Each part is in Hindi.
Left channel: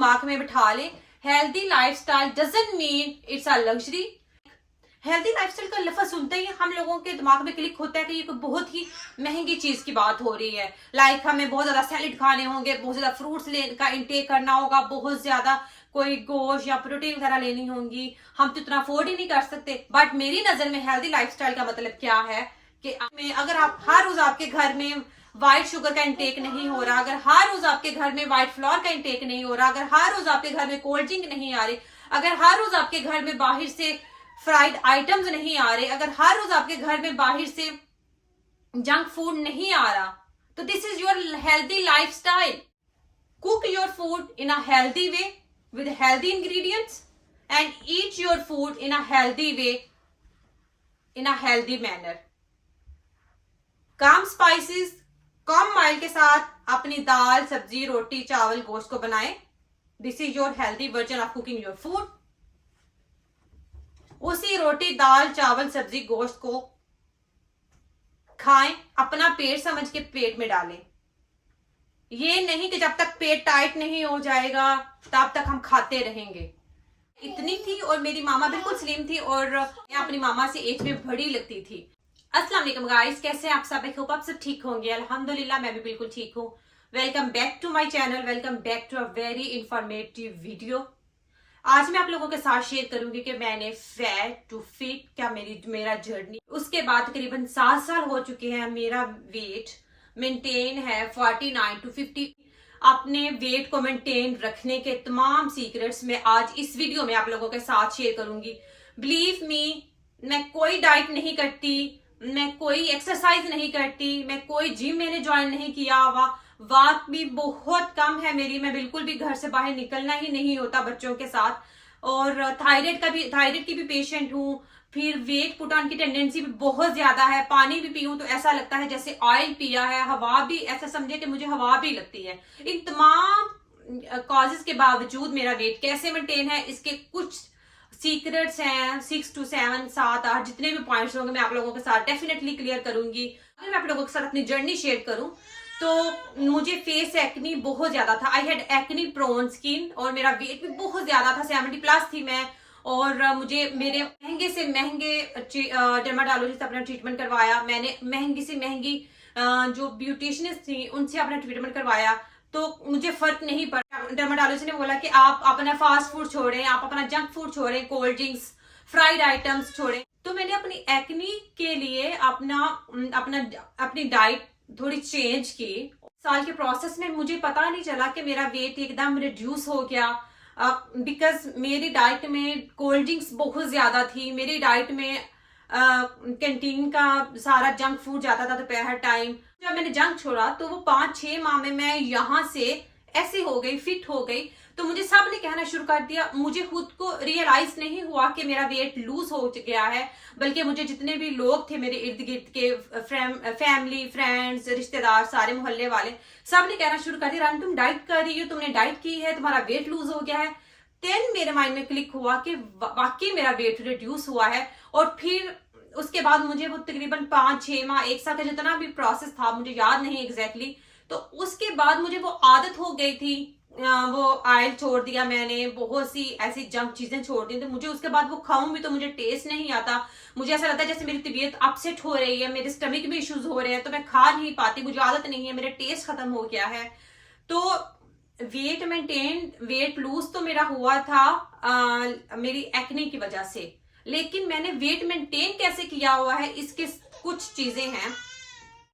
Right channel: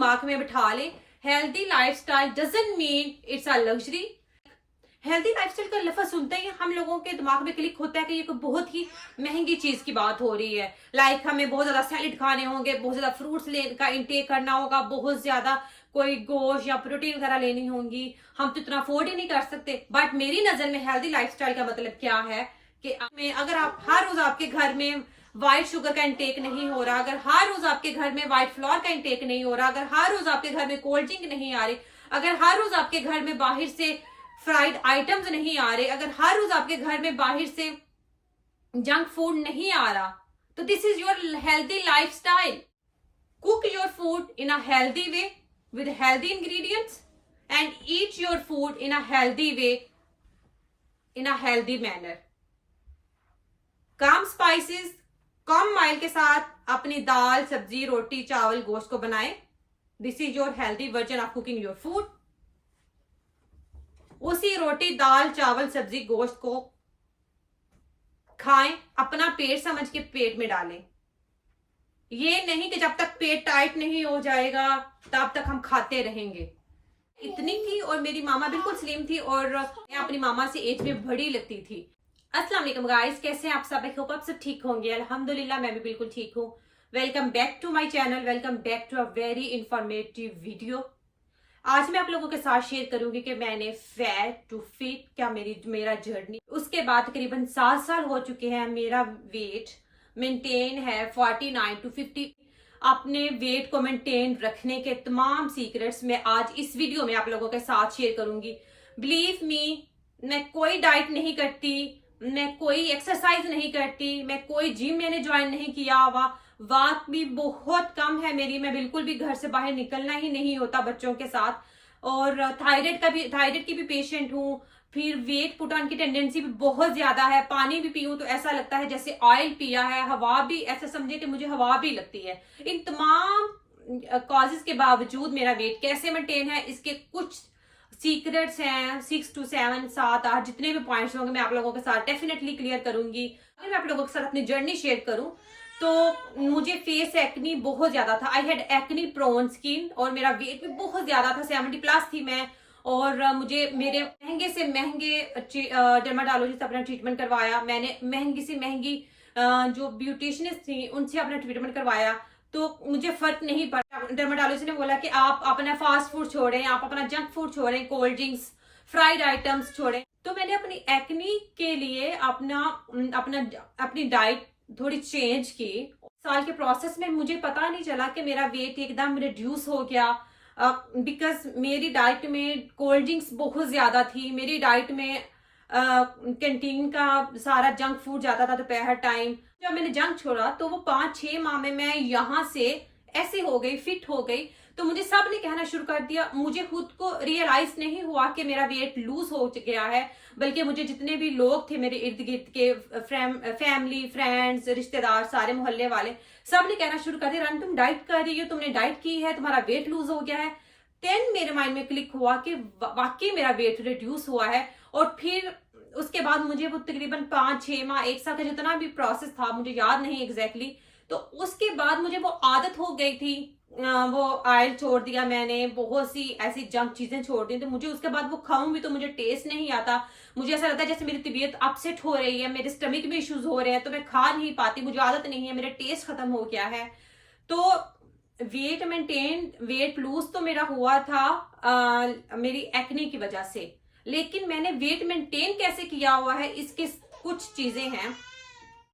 दिमाग में बिठा ले, healthy lifestyle doesn't mean it's a luxury. Healthy lifestyle का लफ्ज सुनते ही हम लोगों के दिमाग में क्लिक होता है कि ये कोई बहुत ही महंगी चीज की बात हो रही है। लाइक हमें बहुत ज्यादा सैलेड खाने होंगे, बहुत ज्यादा फ्रूट्स का इंटेक करना होगा, बहुत ज्यादा कोई गोश्त या प्रोटीन वगैरह लेनी होंगी, हम तो इतना अफोर्ड ही नहीं कर सकते। बट मेरी नजर में हेल्दी लाइफस्टाइल का मतलब क्या है कि अगर आप हर रोज आपके घर में व्हाइट शुगर का इंटेक नहीं हो रहा, अगर हर रोज आपके घर में व्हाइट फ्लोर का इंटेक नहीं हो रहा, अगर हर रोज आपके घर में कोल्ड ड्रिंक नहीं आ रही, अगर हर रोज आपके घर में बाहर से फ्राइड आइटम्स नहीं आ रहे, अगर हर रोज आपके घर में बाहर से जंक फूड नहीं आ रहा, तो this is your healthy lifestyle. Cook your food in a healthy way with healthy ingredients and eat your food in a healthy way, in a healthy manner. Come spices, come oil के साथ अपनी दाल, सब्जी, रोटी, चावल, गोश्त को बनाएं। This is your healthy version of cooking your food. उसी रोटी, दाल, चावल, सब्जी, गोश्त को खाएं, अपना पेट समझ के पेट में डालें। ये नहीं कि जब तक पेट टाइट नहीं हो जाएगा तब तक हम खाते रहेंगे। इतनी थी और मेरी मामा बिल्कुल स्लिम थी और मैं अपनी मामा से एज में बड़ी लगती थी। अस्सलाम वालेकुम गाइस, कैसे हैं आप सब? आई होप आप सब ठीक होंगे। अल्हम्दुलिल्लाह मैं भी बिल्कुल ठीक हूँ। Welcome back to my channel, welcome back to a very informative video. आज मैं आप लोगों के साथ शेयर करूंगी कि मैंने फैट टू फिट क्या मेरा जर्नी, उसके बाद तकरीबन 7 साल हो चुके हैं। मेरा वेट मेंटेन है 49 to 50। अपने वेट को मेंटेन रखने के तमाम सीक्रेट्स मैं आज इस वीडियो में आप लोगों के साथ शेयर करूंगी। बिलीव मी, मैं कोई डाइट नहीं करती, मैं कोई एक्सरसाइज नहीं करती, मैं कोई जिम मैंने ज्वाइन नहीं किया हुआ, वक्त भी बहुत कम है मेरी, मैं बिल्कुल भी घर से बाहर निकलना ही नहीं होता बच्चों के साथ, और थायराइड की भी पेशेंट हूँ। फिर वेट पुट ऑन की टेंडेंसी भी बहुत ज्यादा है। पानी भी पीऊं तो ऐसा लगता है जैसे ऑयल पिया है, हवा भी ऐसा समझे कि मुझे हवा भी लगती है। इन तमाम कॉजेज के बावजूद मेरा वेट कैसे मेंटेन है, इसके कुछ सीक्रेट्स हैं। 6 to 7, 7, 8 जितने भी पॉइंट्स होंगे मैं आप लोगों के साथ डेफिनेटली क्लियर करूंगी। अगर मैं आप लोगों के साथ अपनी जर्नी शेयर करूं तो मुझे फेस एक्नी बहुत ज्यादा था। I had acne prone skin और मेरा वेट भी बहुत ज्यादा था, 70+ थी मैं। और मुझे मेरे महंगे से महंगे डर्माटोलॉजिस्ट अपना ट्रीटमेंट करवाया। मैंने महंगी से महंगी जो ब्यूटिशियनिस्ट थी उनसे अपना ट्रीटमेंट करवाया, तो मुझे फर्क नहीं पड़ा। डर्माटोलॉजिस्ट ने बोला कि आप अपना फास्ट फूड छोड़ें, आप अपना जंक फूड छोड़ें, कोल्ड ड्रिंक्स, फ्राइड आइटम्स छोड़ें। तो मैंने अपनी एक्नी के लिए अपनी डाइट थोड़ी चेंज की। साल के प्रोसेस में मुझे पता नहीं चला कि मेरा वेट एकदम रिड्यूस हो गया, बिकॉज मेरी डाइट में कोल्ड ड्रिंक्स बहुत ज्यादा थी। मेरी डाइट में कैंटीन का सारा जंक फूड जाता था दोपहर टाइम। जब मैंने जंक छोड़ा तो वो 5-6 माह में मैं यहाँ से ऐसे हो गई, फिट हो गई। तो मुझे सब ने कहना शुरू कर दिया। मुझे खुद को रियलाइज नहीं हुआ कि मेरा वेट लूज हो गया है, बल्कि मुझे जितने भी लोग थे मेरे इर्द गिर्द के, फैमिली, फ्रेंड्स, रिश्तेदार, सारे मोहल्ले वाले, सब ने कहना शुरू कर दिया, रन तुम डाइट कर रही हो, तुमने डाइट की है, तुम्हारा वेट लूज हो गया है। देन मेरे माइंड में क्लिक हुआ कि वाकई मेरा वेट रिड्यूस हुआ है। और फिर उसके बाद मुझे वो तकरीबन 5-6 माह, 1 साल का जितना भी प्रोसेस था, मुझे याद नहीं एग्जैक्टली, तो उसके बाद मुझे वो आदत हो गई थी। वो ऑयल छोड़ दिया मैंने, बहुत सी ऐसी जंक चीजें छोड़ दी, तो मुझे उसके बाद वो खाऊं भी तो मुझे टेस्ट नहीं आता। मुझे ऐसा लगता है जैसे मेरी तबीयत अपसेट हो रही है, मेरे स्टमक में इश्यूज हो रहे हैं, तो मैं खा नहीं पाती, मुझे आदत नहीं है, मेरा टेस्ट खत्म हो गया है। तो वेट मेंटेन, वेट लूज तो मेरा हुआ था मेरी एक्ने की वजह से, लेकिन मैंने वेट मेंटेन कैसे किया हुआ है इसके कुछ चीजें हैं।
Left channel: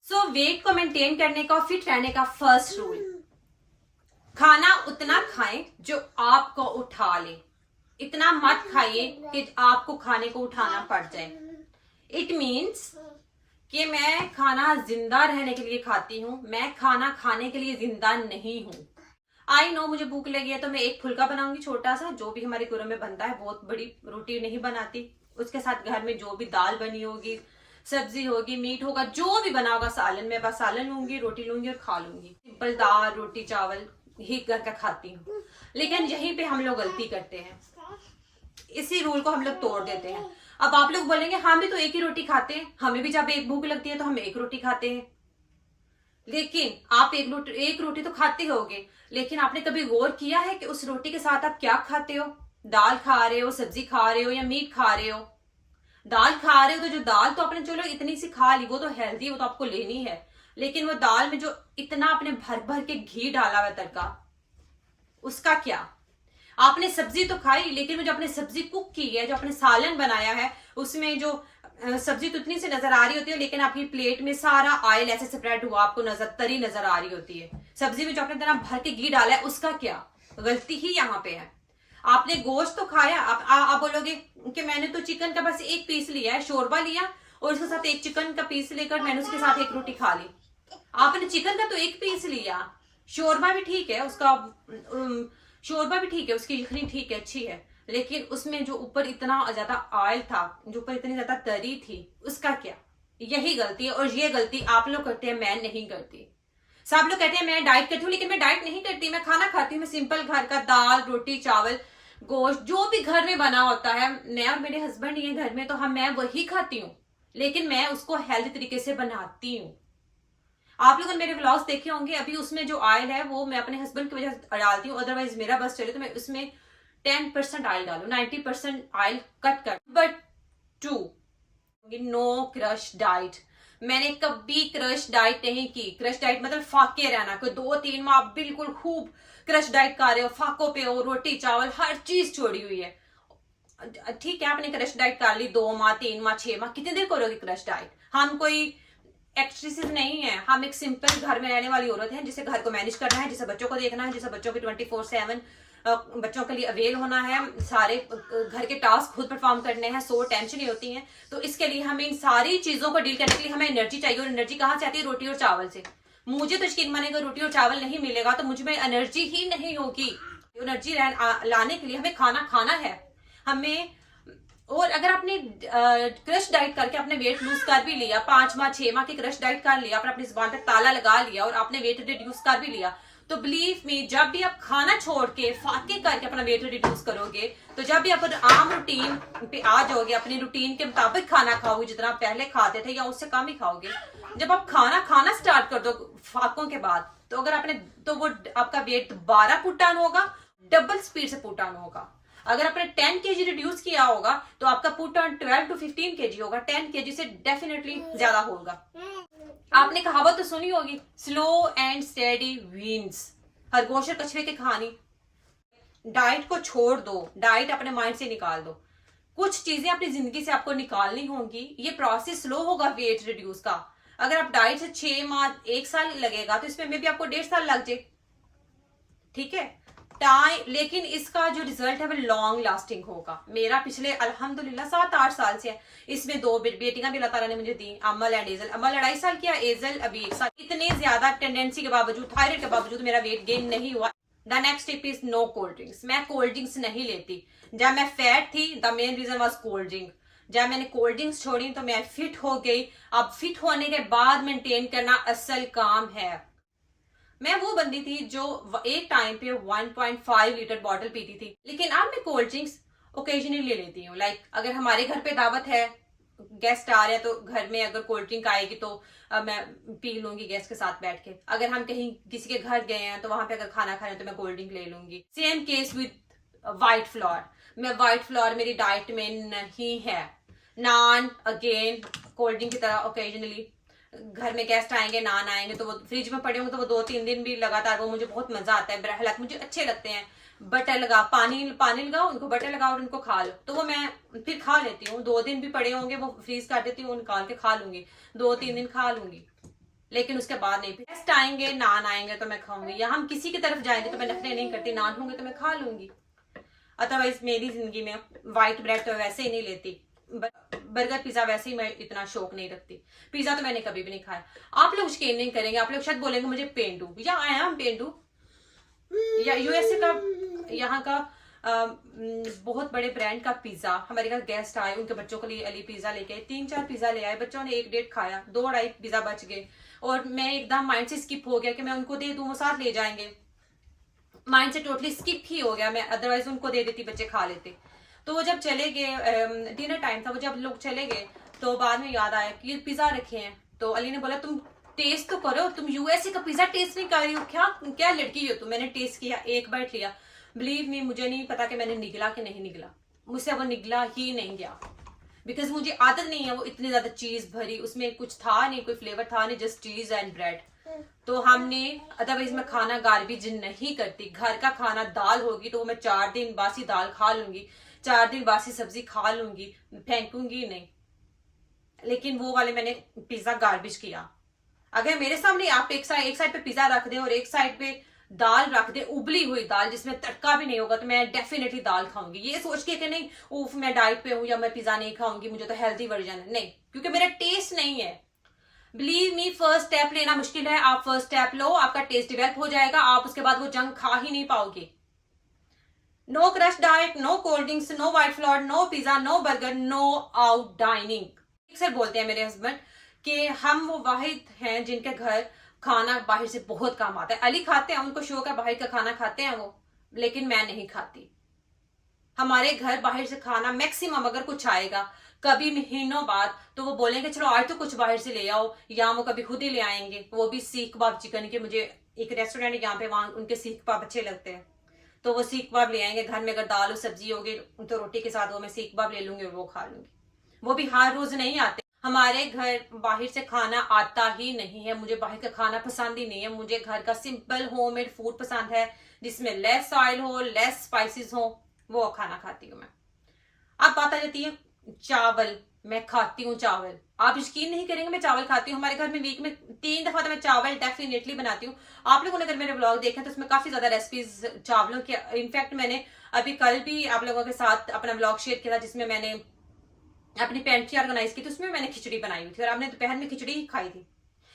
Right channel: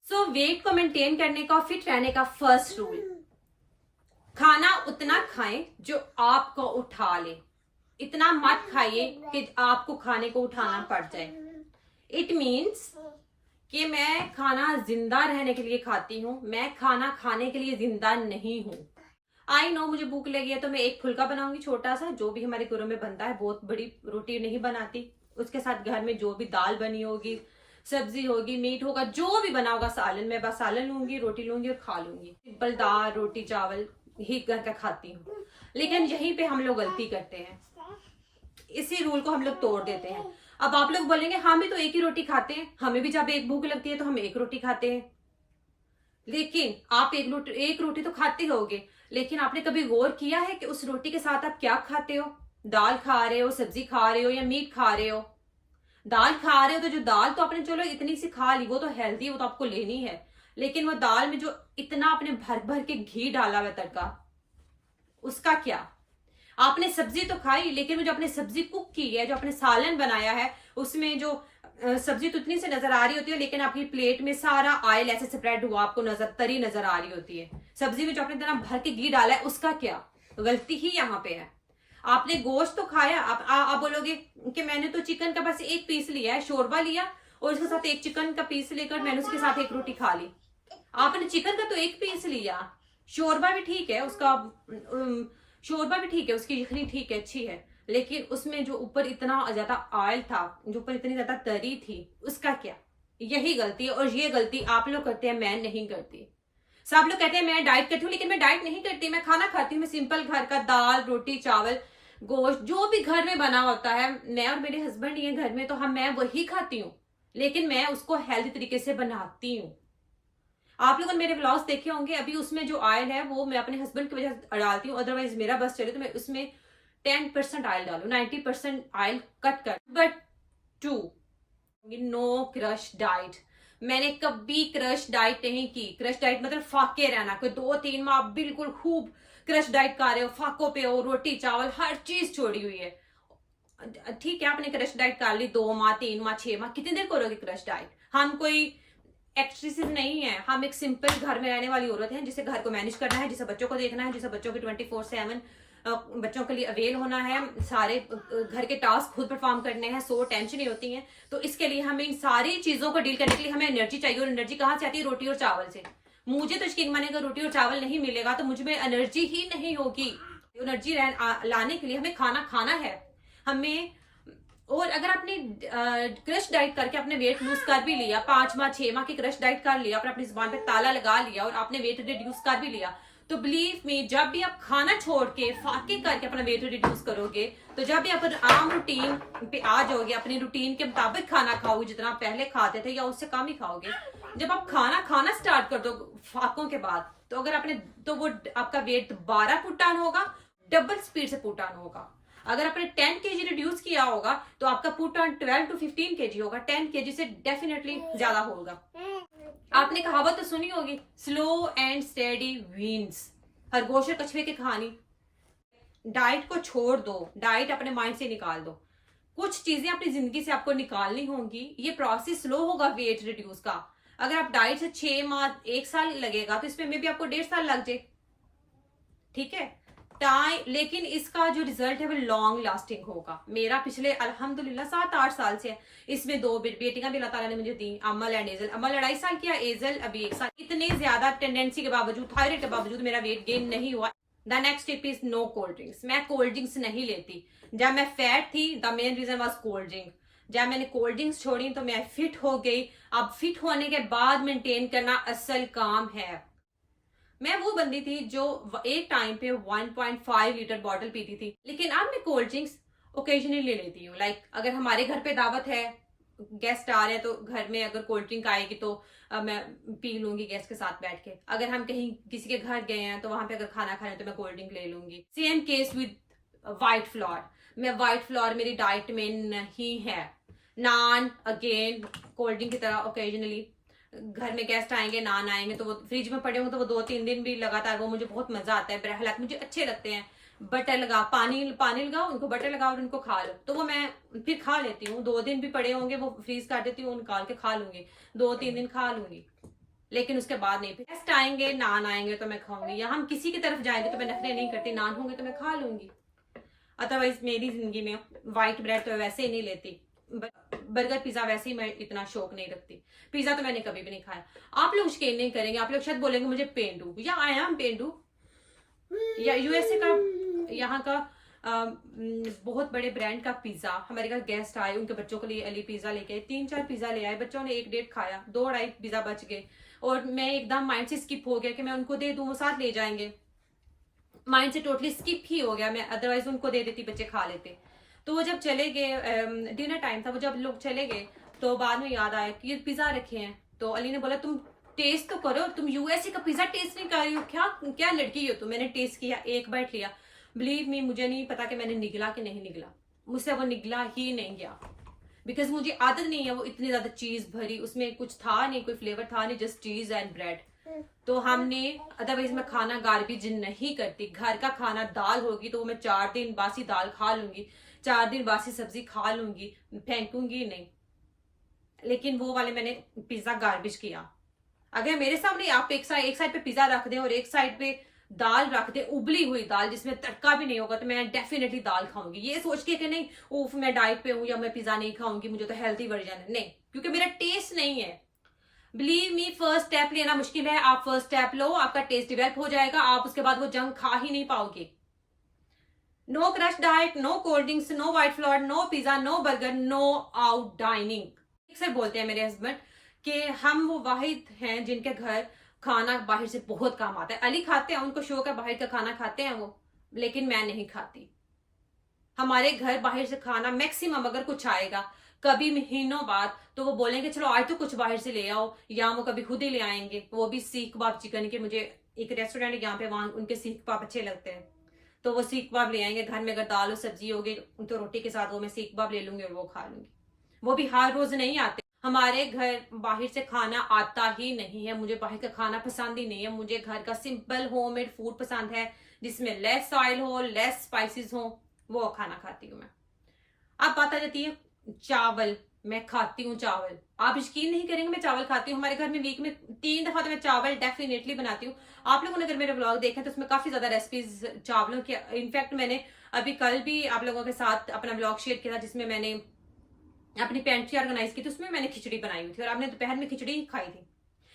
सो वेट को मेंटेन करने का और फिट रहने का फर्स्ट रूल, खाना उतना खाएं जो आपको उठा ले, इतना मत खाइए कि आपको खाने को उठाना पड़ जाए। इट मीन्स कि मैं खाना जिंदा रहने के लिए खाती हूँ, मैं खाना खाने के लिए जिंदा नहीं हूं। आई नो मुझे भूख लगी है तो मैं एक फुल्का बनाऊंगी छोटा सा, जो भी हमारे घरों में बनता है, बहुत बड़ी रोटी नहीं बनाती। उसके साथ घर में जो भी दाल बनी होगी, सब्जी होगी, मीट होगा, जो भी बना होगा, सालन, मैं बस सालन लूंगी, रोटी लूंगी और खा लूंगी। सिंपल दाल, रोटी, चावल ही घर का खाती हूँ। लेकिन यहीं पे हम लोग गलती करते हैं, इसी रूल को हम लोग तोड़ देते हैं। अब आप लोग बोलेंगे हम भी तो एक ही रोटी खाते हैं, हमें भी जब एक भूख लगती है तो हम एक रोटी खाते हैं। लेकिन आप एक रोटी तो खाते होगे, लेकिन आपने कभी गौर किया है कि उस रोटी के साथ आप क्या खाते हो? दाल खा रहे हो, सब्जी खा रहे हो, या मीट खा रहे हो? दाल खा रहे हो तो जो दाल तो आपने चलो इतनी सी खा ली, वो तो हेल्दी है, वो तो आपको लेनी है। लेकिन वो दाल में जो इतना आपने भर भर के घी डाला हुआ तड़का, उसका क्या? आपने सब्जी तो खाई, लेकिन वो जो आपने सब्जी कुक की है, जो आपने सालन बनाया है, उसमें जो सब्जी तो इतनी सी नजर आ रही होती है, लेकिन आपकी प्लेट में सारा ऑयल ऐसे स्प्रेड हुआ आपको तरी नजर आ रही होती है। सब्जी में जो आपने इतना भर के घी डाला है, उसका क्या? गलती ही यहाँ पे है। आपने गोश्त तो खाया, आप बोलोगे कि मैंने तो चिकन का बस एक पीस लिया है, शोरबा लिया और उसके साथ एक चिकन का पीस लेकर मैंने उसके साथ एक रोटी खा ली। आपने चिकन का तो एक पीस लिया, शोरबा भी ठीक है उसका, शोरबा भी ठीक है, उसकी यखनी ठीक है, अच्छी है, लेकिन उसमें जो ऊपर इतना ज्यादा ऑयल था, जो ऊपर इतनी ज्यादा तरी थी, उसका क्या? यही गलती है, और ये गलती आप लोग करते हैं, मैं नहीं करती। सब लोग कहते हैं मैं डाइट करती हूँ, लेकिन मैं डाइट नहीं करती, मैं खाना खाती हूँ। मैं सिंपल घर का दाल रोटी चावल गोश्त जो भी घर में बना होता है, मैं और मेरे हस्बैंड ये घर में, तो मैं वही खाती हूँ, लेकिन मैं उसको हेल्दी तरीके से बनाती हूँ। आप लोगों ने मेरे व्लॉग्स देखे होंगे, अभी उसमें जो ऑयल है वो मैं अपने हस्बैंड की वजह से डालती हूँ, अदरवाइज मेरा बस चले तो मैं उसमें 10% ऑयल डालू, 90% ऑयल कट कर। But 2, no crash diet. मैंने कभी क्रश डाइट नहीं की। क्रश डाइट मतलब फाके रहना, कोई 2-3 माह बिल्कुल खूब क्रश डाइट खा रहे हो, फाकों पे हो, रोटी चावल हर चीज छोड़ी हुई है। ठीक है, आपने क्रश डाइट कर ली 2 माह 3 माह 6 माह, कितनी देर करोगे क्रश डाइट? हम कोई एक्सट्रेसेस नहीं है, हम एक सिंपल घर में रहने वाली औरत है, जिसे घर को मैनेज करना है, जिसे बच्चों को देखना है, जिसे बच्चों की 24/7 बच्चों के लिए अवेल होना है, सारे घर के टास्क खुद परफॉर्म करने हैं, सो टेंशन ही होती है। तो इसके लिए हमें इन सारी चीजों को डील करने के लिए हमें एनर्जी चाहिए, और एनर्जी कहाँ से आती है? रोटी और चावल से। मुझे तो यकीन मानेगा, रोटी और चावल नहीं मिलेगा तो मुझ में एनर्जी ही नहीं होगी। एनर्जी लाने के लिए हमें खाना खाना है हमें। और अगर आपने क्रश डाइट करके आपने वेट लूज कर भी लिया, 5 माह 6 माह की क्रश डाइट कर लिया, अपनी जुबान पे ताला लगा लिया और आपने वेट रिड्यूस कर भी लिया, तो बिलीव मी, जब भी आप खाना छोड़ के फाके करके अपना वेट रिड्यूस करोगे, तो जब भी आप आम रूटीन पे आ जाओगे, अपनी रूटीन के मुताबिक खाना खाओगे, जितना पहले खाते थे या उससे कम ही खाओगे, जब आप खाना खाना स्टार्ट कर दो फाकों के बाद, तो अगर आपने तो वो आपका वेट 12 पुट डाउन होगा, डबल स्पीड से पुट डाउन होगा। अगर आपने 10 kg रिड्यूस किया होगा तो आपका पुट ऑन 12 to 15 kg होगा, 10 kg से डेफिनेटली ज्यादा होगा। आपने कहावत तो सुनी होगी, स्लो एंड स्टेडी विंस। खरगोश और कछुए की कहानी। डाइट को छोड़ दो, डाइट अपने माइंड से निकाल दो, कुछ चीजें अपनी जिंदगी से आपको निकालनी होंगी। ये प्रोसेस स्लो होगा वेट रिड्यूस का। अगर आप डाइट से 6 माह 1 साल लगेगा, तो इसमें भी आपको 1.5 साल लग जाए, ठीक है टाइम, लेकिन इसका जो रिजल्ट है वो लॉन्ग लास्टिंग होगा। मेरा पिछले अल्हम्दुलिल्लाह 7-8 साल से है, इसमें 2 बेटियां भी अल्लाह ताला ने मुझे दी, अमल एंड एजल। अमल 2.5 साल किया, एजल अभी 1 साल। इतने ज्यादा टेंडेंसी के बावजूद, थायराइड के बावजूद मेरा वेट गेन नहीं हुआ। The next tip is no cold drinks. मैं कोल्ड ड्रिंक्स नहीं लेती। जब मैं फैट थी, the main reason was cold drink. जब मैंने कोल्ड ड्रिंक्स छोड़ी तो मैं फिट हो गई। अब फिट होने के बाद मेंटेन करना असल काम है। मैं वो बंदी थी जो एक टाइम पे 1.5 लीटर बॉटल पीती थी, लेकिन अब मैं कोल्ड ड्रिंक्स ओकेजनली ले लेती हूँ। लाइक अगर हमारे घर पे दावत है, गेस्ट आ रहे हैं, तो घर में अगर कोल्ड ड्रिंक आएगी तो मैं पी लूंगी गेस्ट के साथ बैठ के। अगर हम कहीं किसी के घर गए हैं तो वहां पे अगर खाना खा रहे हैं तो मैं कोल्ड ड्रिंक ले लूंगी। Same case with white floor. मैं व्हाइट फ्लोर मेरी डाइट में नहीं है। नान अगेन कोल्ड ड्रिंक की तरह ओकेजनली। घर में गेस्ट आएंगे, नान आएंगे, तो वो फ्रिज में पड़े होंगे तो वो 2-3 दिन भी लगातार, वो मुझे बहुत मजा आता है। हालांकि मुझे अच्छे लगते हैं। बटर लगा, पानी लगाओ, उनको बटर लगाओ और उनको खा लो, तो वो मैं फिर खा लेती हूँ। 2 दिन भी पड़े होंगे वो फ्रीज कर देती हूँ, निकाल के खा लूंगी, 2-3 दिन खा लूंगी, लेकिन उसके बाद नहीं। गेस्ट आएंगे, नान आएंगे तो मैं खाऊंगी, या हम किसी की तरफ जाएंगे तो मैं नखरे नहीं करती, नान होंगे तो मैं खा लूंगी। अदरवाइज मेरी जिंदगी में व्हाइट ब्रेड तो वैसे ही नहीं लेती, बर्गर पिज्जा वैसे ही मैं इतना शौक नहीं रखती। पिज्जा तो मैंने कभी भी नहीं खाया। आप लोग यकीन नहीं करेंगे, आप लोग शायद बोलेंगे मुझे पेंडू, या आई एम पेंडू, या यूएसए का यहाँ का बहुत बड़े ब्रांड का पिज्जा। हमारे घर गेस्ट आए, उनके बच्चों के लिए अली पिज्जा लेके 3-4 पिज्जा ले आए। बच्चों ने 1-1.5 खाया, 2-2.5 पिज्जा बच गए, और मैं एकदम माइंड से स्किप हो गया कि मैं उनको दे दूं, वो साथ ले जाएंगे। माइंड से टोटली स्किप ही हो गया मैं, अदरवाइज उनको दे देती, बच्चे खा लेते। तो वो जब चले गए, डिनर टाइम था, वो जब लोग चले गए तो बाद में याद आया कि पिज्जा रखे हैं। तो अली ने बोला तुम टेस्ट तो करो, तुम यूएसए का पिज्जा टेस्ट नहीं कर रही हो, क्या क्या लड़की हो तुम। मैंने टेस्ट किया, एक बाइट लिया, बिलीव मी मुझे नहीं पता कि मैंने निगला कि नहीं निगला, मुझसे वो निगला ही नहीं गया, बिकॉज मुझे आदत नहीं है वो इतनी ज्यादा चीज भरी, उसमें कुछ था नहीं, कोई फ्लेवर था नहीं, जस्ट चीज एंड ब्रेड। तो हमने अदरवाइज मैं खाना गार्बेज नहीं करती, घर का खाना दाल होगी तो वो मैं 4 दिन बासी दाल खा लूंगी, 4 दिन बासी सब्जी खा लूंगी, फेंकूंगी नहीं। लेकिन वो वाले मैंने पिज्जा गार्बेज किया। अगर मेरे सामने आप एक साइड पे पिज्जा रख दे और एक साइड पे दाल रख दे, उबली हुई दाल जिसमें तड़का भी नहीं होगा, तो मैं डेफिनेटली दाल खाऊंगी, ये सोच के कि नहीं उफ मैं डाइट पे हूं या मैं पिज्जा नहीं खाऊंगी, मुझे तो हेल्थी वर्जन है, नहीं, क्योंकि मेरा टेस्ट नहीं है। बिलीव मी, फर्स्ट स्टेप लेना मुश्किल है, आप फर्स्ट स्टेप लो, आपका टेस्ट डेवलप हो जाएगा, आप उसके बाद वो जंक खा ही नहीं पाओगे। No crash diet, no cold drinks, no white flour, no pizza, no burger, no out dining. अक्सर बोलते हैं मेरे हस्बैंड कि हम वो वाहिद हैं जिनके घर खाना बाहर से बहुत कम आता है। अली खाते हैं, उनको शौक है बाहर का खाना खाते हैं वो, लेकिन मैं नहीं खाती। हमारे घर बाहर से खाना मैक्सिमम अगर कुछ आएगा कभी महीनों बाद, तो वो बोलेंगे चलो आज तो कुछ बाहर से ले आओ, या वो कभी खुद ही ले आएंगे, वो भी सीख कबाब चिकन के। मुझे एक रेस्टोरेंट है यहाँ पे, वहां उनके सीख कबाब अच्छे लगते हैं, तो वो सीख कबाब ले आएंगे। घर में अगर दाल और सब्जी होगी तो रोटी के साथ वो मैं सीख कबाब ले लूंगी और वो खा लूंगी। वो भी हर रोज नहीं आते। हमारे घर बाहर से खाना आता ही नहीं है, मुझे बाहर का खाना पसंद ही नहीं है। मुझे घर का सिंपल होममेड फूड पसंद है, जिसमें लेस ऑयल हो, लेस स्पाइसेस हो, वो खाना खाती हूँ मैं। अब बात आ जाती है चावल। मैं खाती हूँ चावल, आप यकीन नहीं करेंगे मैं चावल खाती हूँ। हमारे घर में वीक में 3 दफा तो मैं चावल डेफिनेटली बनाती हूँ। आप लोगों ने अगर मेरे ब्लॉग देखे तो उसमें काफी ज्यादा रेसिपीज चावलों की, इनफैक्ट मैंने अभी कल भी आप लोगों के साथ अपना ब्लॉग शेयर किया था, जिसमें मैंने अपनी पेंट्री ऑर्गेनाइज की थी, उसमें मैंने खिचड़ी बनाई हुई थी और आपने दोपहर में खिचड़ी ही खाई थी,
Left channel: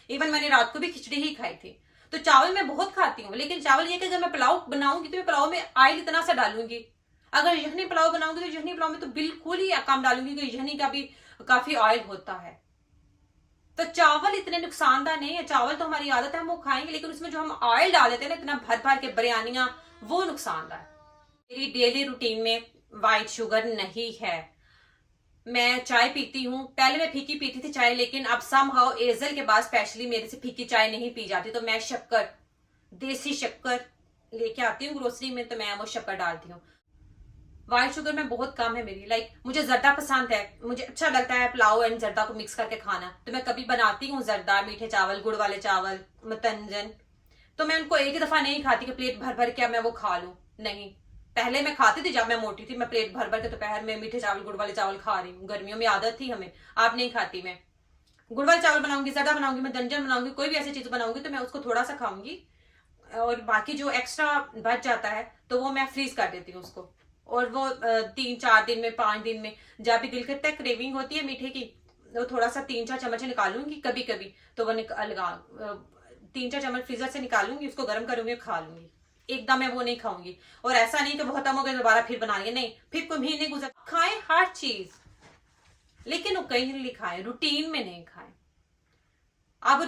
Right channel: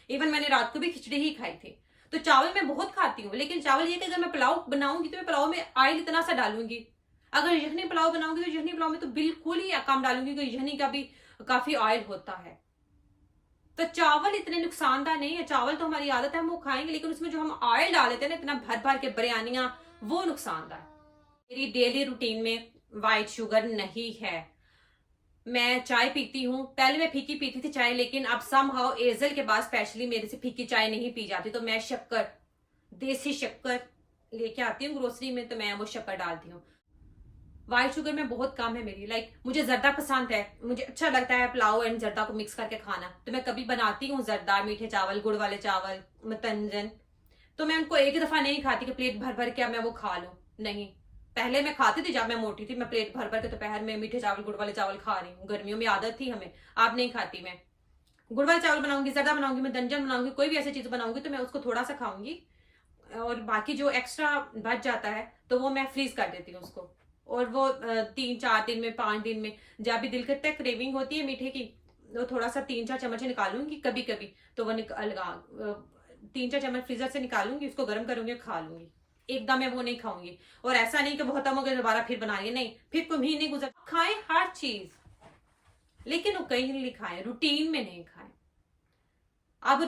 इवन मैंने रात को भी खिचड़ी ही खाई थी। तो चावल मैं बहुत खाती हूँ, लेकिन चावल ये कि अगर मैं पुलाव बनाऊंगी तो मैं पुलाव में ऑयल इतना सा डालूंगी। अगर यखनी पुलाव बनाऊंगी तो यखनी पुलाव में तो बिल्कुल ही कम डालूंगी, क्योंकि यखनी का भी काफी ऑयल होता है। तो चावल इतने नुकसानदार नहीं है, चावल तो हमारी आदत है हम वो खाएंगे, लेकिन उसमें जो हम ऑयल डाल देते हैं ना इतना भर भर के बिरयानियां, वो नुकसानदार। मेरी डेली रूटीन में व्हाइट शुगर नहीं है। मैं चाय पीती हूँ, पहले मैं फीकी पीती थी चाय, लेकिन अब समहाउ एजल के बाद स्पेशली मेरे से फीकी चाय नहीं पी जाती, तो मैं शक्कर, देसी शक्कर लेके आती हूँ ग्रोसरी में, तो मैं वो शक्कर डालती हूँ। व्हाइट शुगर में बहुत कम है मेरी। मुझे जर्दा पसंद है, मुझे अच्छा लगता है पुलाव एंड जर्दा को मिक्स करके खाना, तो मैं कभी बनाती हूँ जर्दा, मीठे चावल, गुड़ वाले चावल, मतंजन, तो मैं उनको एक ही दफा नहीं खाती कि प्लेट भर भर के मैं वो खा लूं, नहीं। पहले मैं खाती थी जब मैं मोटी थी, मैं प्लेट भर भर के दोपहर में मीठे चावल, गुड़ वाले चावल खा रही हूँ, गर्मियों में आदत थी हमें, आप नहीं खाती। मैं गुड़ वाले चावल बनाऊंगी, जर्दा बनाऊंगी, मैं दंजन बनाऊंगी, कोई भी ऐसी चीज बनाऊंगी तो मैं उसको थोड़ा सा खाऊंगी, और बाकी जो एक्स्ट्रा बच जाता है तो वो मैं फ्रीज कर देती हूँ उसको, और वो 3-4 दिन में, 5 दिन में जब भी दिल करता है, क्रेविंग होती है मीठे की, तो थोड़ा सा 3-4 चम्मच निकालूंगी कभी कभी, तो वो 3-4 चम्मच फ्रीजर से निकालूंगी, उसको गर्म करूंगी, खा लूंगी, एकदम मैं वो नहीं खाऊंगी। और ऐसा नहीं कि बहुत कम हो गया दोबारा फिर बना रही, नहीं, फिर कोई महीने गुजर, खाएं हर चीज, लेकिन वो कहीं खाएं, रूटीन में नहीं खाएं। अब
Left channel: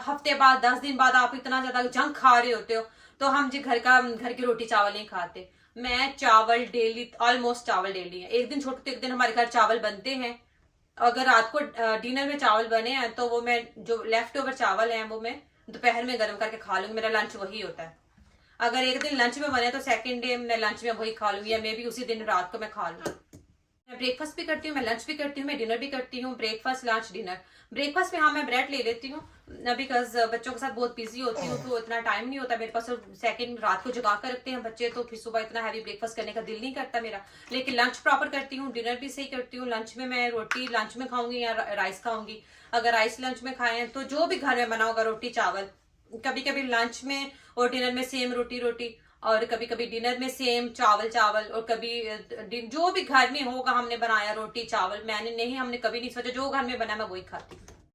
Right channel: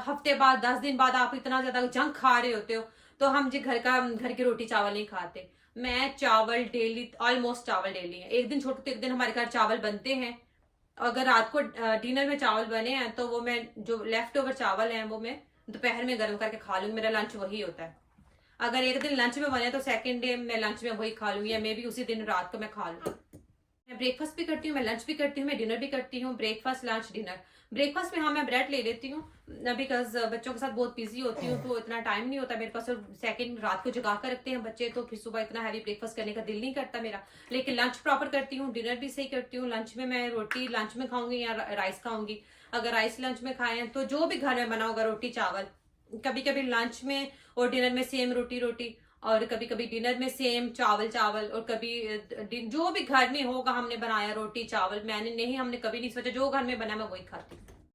हफ्ते बाद, 10 दिन बाद आप इतना ज्यादा जंक खा रहे होते हो, तो हम जी घर की रोटी चावल नहीं खाते। मैं चावल डेली, ऑलमोस्ट चावल डेली है, एक दिन छोड़ के एक दिन हमारे घर चावल बनते हैं। अगर रात को डिनर में चावल बने हैं तो वो मैं जो लेफ्ट ओवर चावल हैं वो मैं दोपहर में गर्म करके खा लूंगी, मेरा लंच वही होता है। अगर एक दिन लंच में बने तो सेकंड डे मैं लंच में वही खा लूंगी, या मे भी उसी दिन रात को मैं खा लूँ। मैं ब्रेकफास्ट भी करती हूँ, मैं लंच भी करती हूँ, मैं डिनर भी करती हूँ, ब्रेकफास्ट लंच डिनर। ब्रेकफास्ट में हाँ मैं ब्रेड ले लेती हूँ, बिकॉज बच्चों के साथ बहुत बिजी होती हूँ, तो इतना टाइम नहीं होता मेरे पास। सेकंड रात को जगा कर रखते हैं बच्चे, तो फिर सुबह इतना हैवी ब्रेकफास्ट करने का दिल नहीं करता मेरा, लेकिन लंच प्रॉपर करती हूँ, डिनर भी सही करती हूँ। लंच में मैं रोटी लंच में खाऊंगी या राइस खाऊंगी, अगर राइस लंच में खाएं तो जो भी घर में बना होगा रोटी चावल, कभी कभी लंच में और डिनर में सेम रोटी, और कभी कभी डिनर में सेम चावल, और कभी जो भी घर में होगा हमने बनाया रोटी चावल, हमने कभी नहीं सोचा जो घर में बना मैं वही खाती हूँ।